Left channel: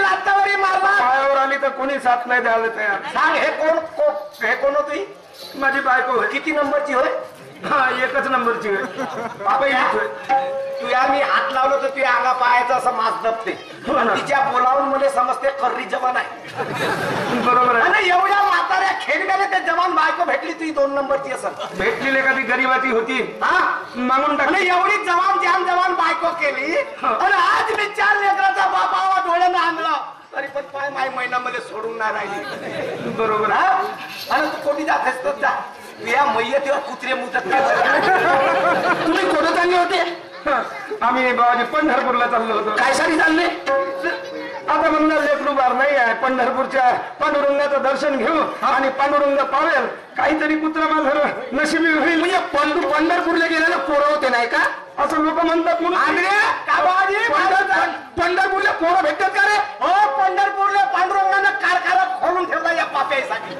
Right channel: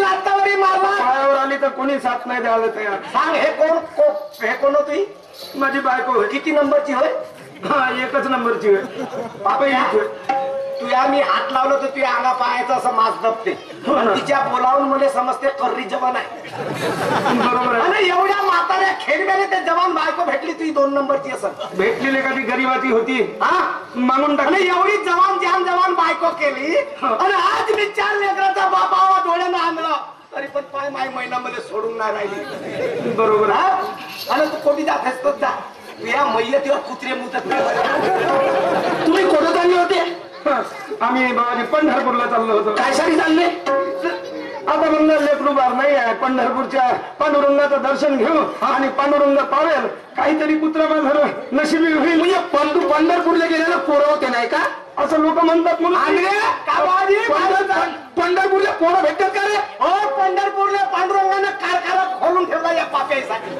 लातावारी मारला पायावर आली तर कोणी साथ नाही द्यायला तयार. सांग हे कोण होती? माझी बायको होय. किती नंबरची होय? हा एकच नंबरची होय. पहिलीच होय. तुया मी हात लावलो तर तुया अंगा पायाचा असं मास दबते. तिच्या बोलावून मला समजते कर्री जवान आहे. बरोबर आहे. आणि एवढ्या म्हाताऱ्या खेळण्याने ते जवान बायको भेटली तुझी 2 नंबरची असं भेटलेली का ती गरीबाची होती हा मागून टाकली. एवढी जवान बायको केली आणि आज मी 4 लेकराचा बाबा डोळ्यानं आणला तरी पण पाय माय महिन्यामध्ये सोडून नाही राहिली. बरोबर हा आणि तू कोणी जात असतो जा या मैयतीवर कुत्रे मुतत नाही. तुम्ही कोणत आले होते? आम्ही बाबाजी पंढरपूरला चाललो होतो. काय साठी चालले? आता म्हणणार लेकरू बार नाही आहे. पंढरपूरच्या पांडुरंगाचं दर्शन घेऊ आणि पांडुरंग पावेल काहीतरी कुत्रा माझं नशिबी होईल. म्हणजे पंढरपूरला गेल्याला पोरं होते नाही का असं लोक म्हणतात म्हणून. पंढरपूरला पोरं भेटतात का रे? हो पंढरपूरला पांडुरंगानं कारखाना खोलून ठेवला या पाप्यासाठी.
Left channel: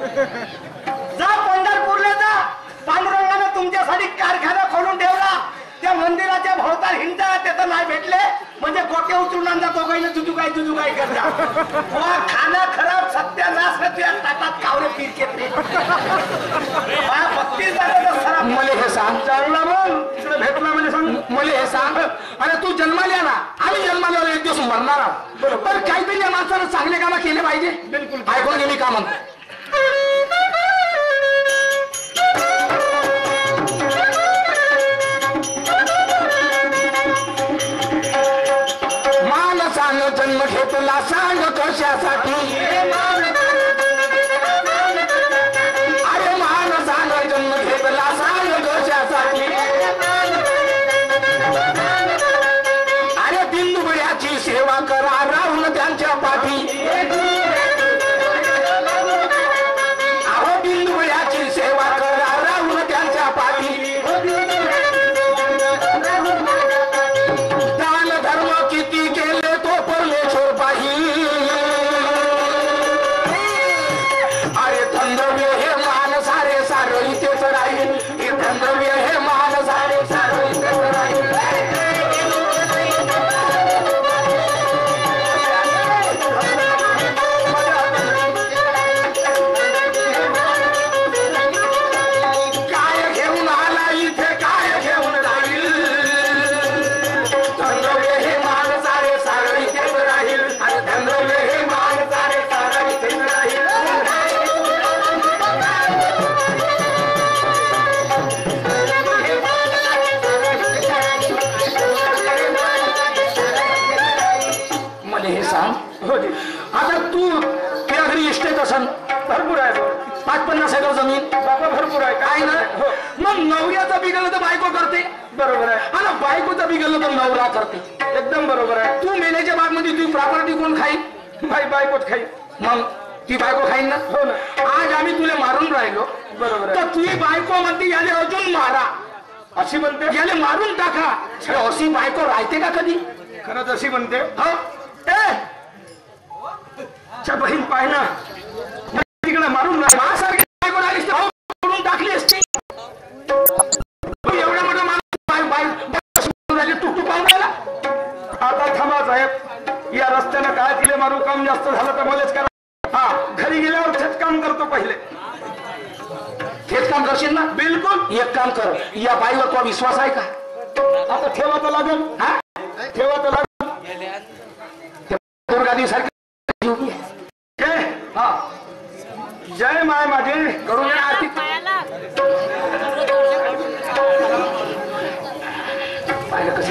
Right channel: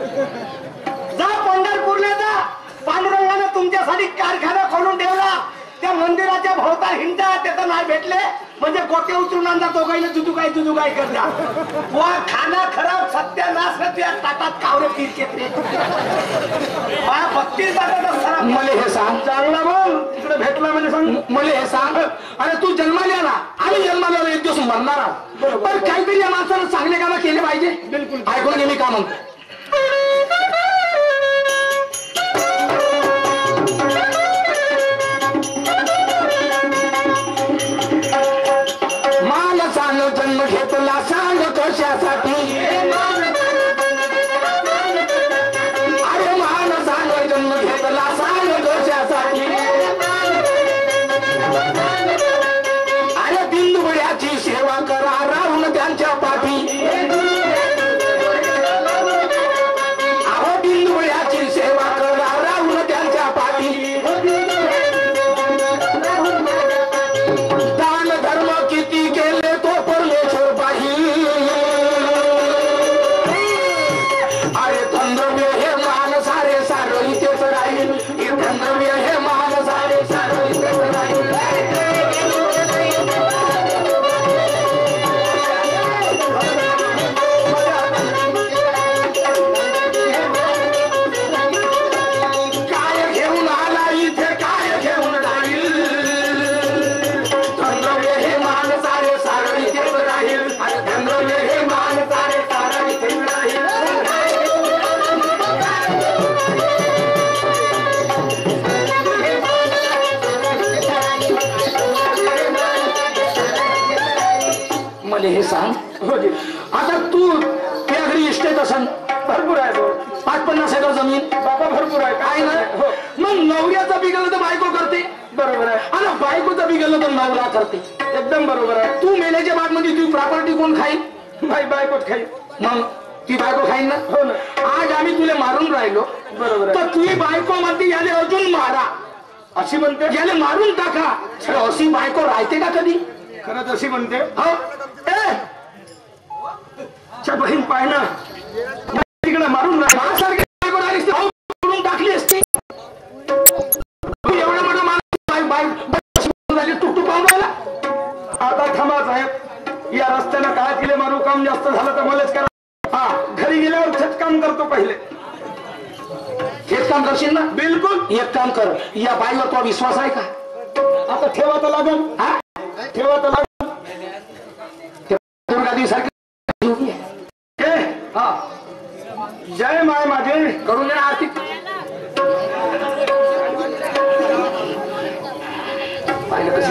जा पंढरपूरला जा. पांडुरंगानं तुमच्यासाठी कारखाना खोलून ठेवला. त्या मंदिराच्या भोवताल हिंडा त्याचं नाही भेटले म्हणजे गोटे उचलून आणला दोघांना जुजुकाय करता. वा खाना खराब सत्यानाश तुझ्या ताटात कावरे पीर घेतले. 32 मला हे सांग चांगला बोल. तिकडे भेटला म्हणजे सांग. मला हे सांग अरे तू जन्माला ना आम्ही जन्माला एक दिवस मरणार आहोत पण काहीतरी या माणसानं चांगले कामं केले पाहिजे. बिलकुल ऐकून घे मी का म्हणतो. जन्म घेतला सांग कशासाठी? अरे माणसानं जन्म घेतला सांग कशासाठी? अरे बिंदुबळ्याची सेवा करा राहून त्यांच्या पाठी. अहो बिंदुबळ्याची सेवा करा राहून त्यांच्या पाठी. दान धर्म किती केले तो परमेश्वर पाही. अरे धंदव्य हे मान सारे सारं इथेच राहील. हे धंदव्य हे मान सारे सारं इथेच राहील. काय घेऊन आला इथे काय घेऊन राहील. धंदव्य हे मान सारे सारं इथेच राहील. अरे धंदव्य हे मान सारे सारं इथेच राहील. मला हे सांग हो जी. आता तू त्या घरी इस्टेट असन भरपूर आहे. 50-50 एकर जमीन बाबा भरपूर आहे. काय ना. हो मग नवऱ्याचं बिघडलं तर बायको करते. बरोबर आहे. आणि बायकोचं बिघडलं तर नवरा करते. एकदम बरोबर आहे. तू मेल्याच्या बागमध्ये तुझी प्रॉपर्टी कोण खाईल? भाई बायकोच खाई. मग ती बायको खाईन ना. हो ना. आज आम्ही तुला मारून राहिलो बरोबर आहे. तर तुझी बायको म्हणते याले अजून मारा अशी म्हणते. याले मारून टाका. अशी बायको राहते का कधी? खरंच अशी म्हणते. हो ए बहीण पाय ना तिकडे मारून माझ्यासारखी बायको राहिली करून टाकली असती. एवढा मोठा माणूस टुकटुक पाहून राहिला. आता थांबा साहेब. या रस्त्यानं काय तिले मारू काम जास्त झालं तर मलाच करा. हा घरी गेल्यावर छट काम करतो पहिले. हेच काम करशील ना? बिलकुल. एक काम कर या बाईवर तो विश्वास आहे का? आता ठेवा तर लागेल. हा ठेवा तर लागेल. दुर्गादी सारखी हा जय माय माझे करून घ्या आरती.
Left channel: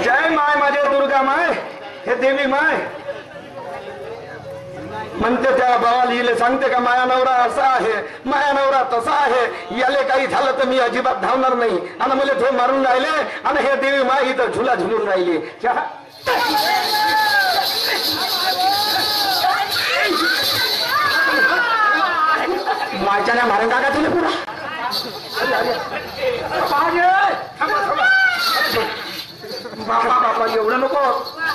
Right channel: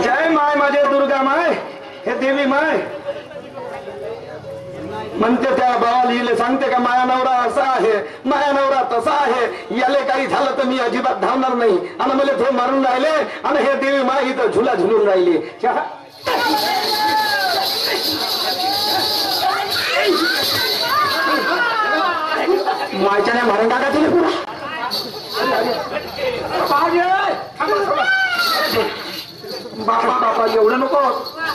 जय माय माझे दुर्गा माय हे देवी माय म्हणते. त्या भावाला हिला सांगते का माया नवरा असा आहे माया नवरा तसा आहे. याले काही झालं तर मी अजिबात धावणार नाही. आणि मला ते मारून राहिले आणि हे देवी माय इथं झुला झुलून राहिली. मायच्या नाही मारून टाका तुला पुरा. बाबा बाबा एवढं नको.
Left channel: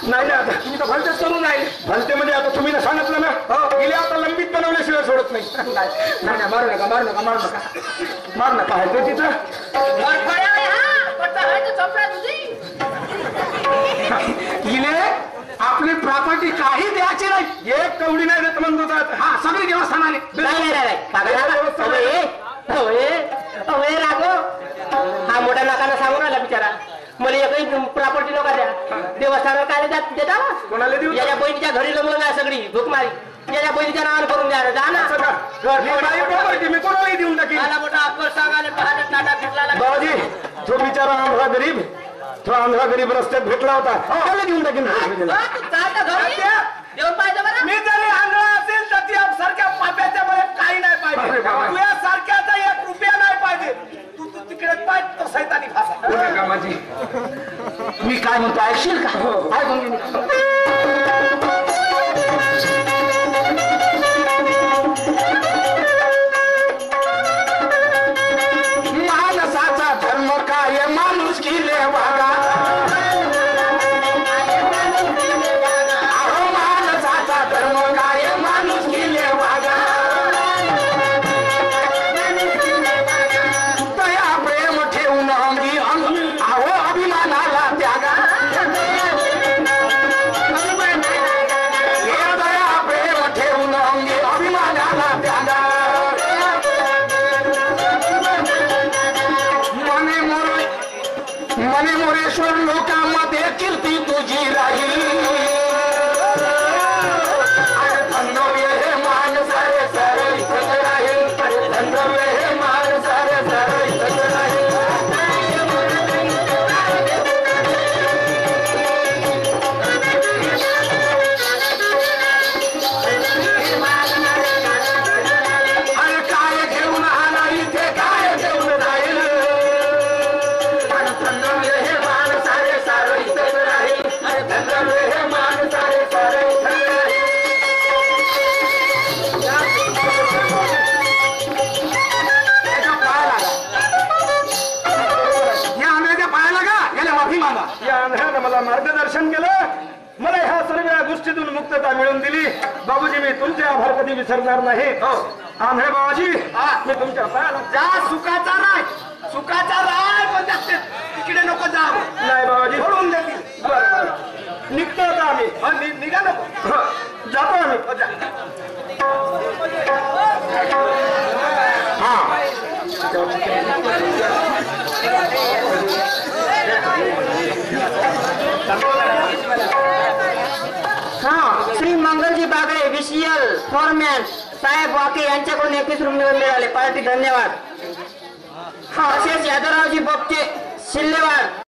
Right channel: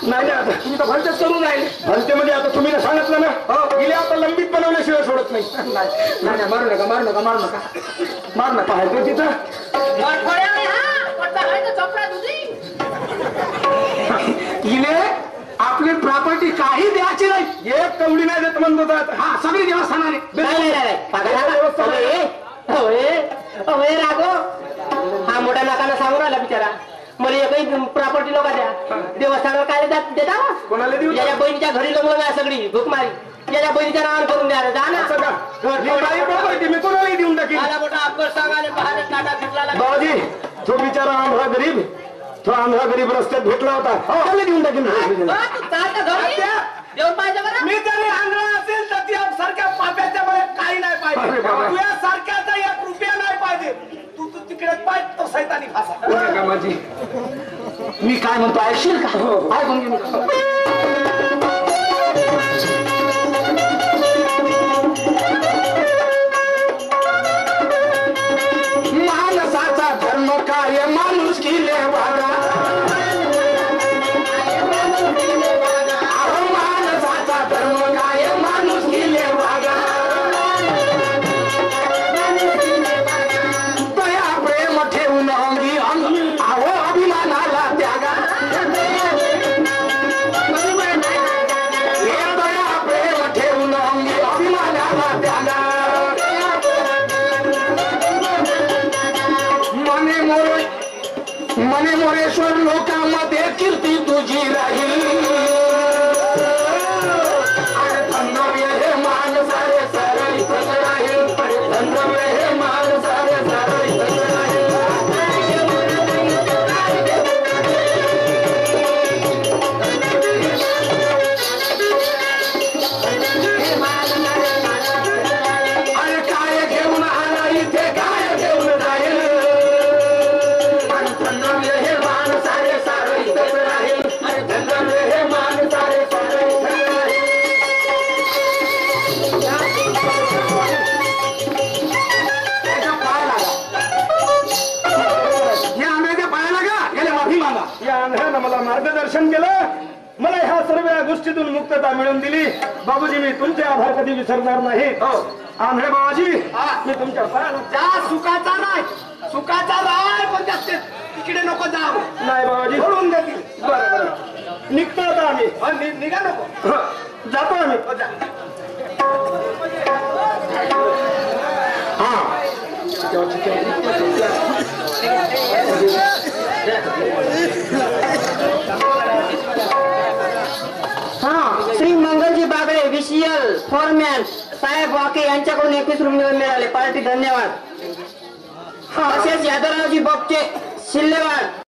नाही आता तुम्ही तर भलतेच करून राहिले. भलते म्हणजे आता तुम्ही सांगितलं ना गेले आता लंबीत बनवल्याशिवाय सोडत नाही. नाही मारू नका मारू नका मारू नका मार नका. पाहिजे तिथं काही द्यायची नाही. एक कवडी नाही देत म्हणतो तर आता. हा सगळी देवस्थानाने. हा मोठ्या नाकाला सांगून राहिला बिचारा. मला एकही प्रॉपर्टी नका द्या. देवस्थानावर काय देता? कोणाला देऊ? याच्या बहिणीच्या घरी जमलं नाही सगळी भूक मारी. याच्या बहिणीच्या नावानं करून द्या जा ना. असं का? मी काही property मी कोणालाही देऊन टाकीन. मला मोठा अक्कल सांगायला पाहण्यात टाटा फिरला लागला. बाबाजी तो बिचारा आंध्रा गरीब, तो आंध्रा गरीब रस्त्यात भेटला होता. त्याला देऊन टाकीन. तू चालता घरी देऊन पाहिजे बरं. मी जरी आंधळा असेल तर ती सारख्या पाप्याच्या मध्ये काही नाही अरे पाहिजे. बाबा. तुझ्या सारख्याचा 1 रुपया नाही पाहिजे. तू तिकडे पाहिजे तो सैतानी फासा. कामाची मी काय म्हणतो ऐकशील का? ऐकून घे मी. माणसाचा धर्म काय माणूस किले वागा. अहो माणसाचा धर्म काय माणूस किले वागा. दया प्रेम ठेवून अंगी अंग अहो अभिमानाला त्यागा. हे दया प्रेम ठेवून अंगी अभिमानाला त्यागा. मने मोरेश्वर लोकांमध्ये कीर्ती तुझी राहील. अरे धन्यवे हे मान सारे सरळ इथंच राहील. अरे धन्यवे हे मान सारे सरळ इथंच राहील. अरे काय घेऊन आला इथे काय घेऊन जाईल. मला मार्गदर्शन केलं. मला ह्या सर्व गोष्टीतून मुक्तता मिळवून दिली. बाबूजी मी तुमचे आभार कधी विसरणार नाही. आंधळे बाबाजी मी तुमच्या पायाला. जा सुखाचा नाही सुखाचा राय पण जास्त तिकडे नको जाऊ. नाही बाबाजी सोडून देतील. बरं बरं निघतो आता आम्ही. निघा नको. जातो आम्ही. हा श्री मंगलजी बागडे विशियल फॉरमॅन साहेब वाके यांच्याकडून 21 रुपये मिळाले. पार्टी धन्यवाद. असेच यादवरावजी बोपचे शिल्लेवाड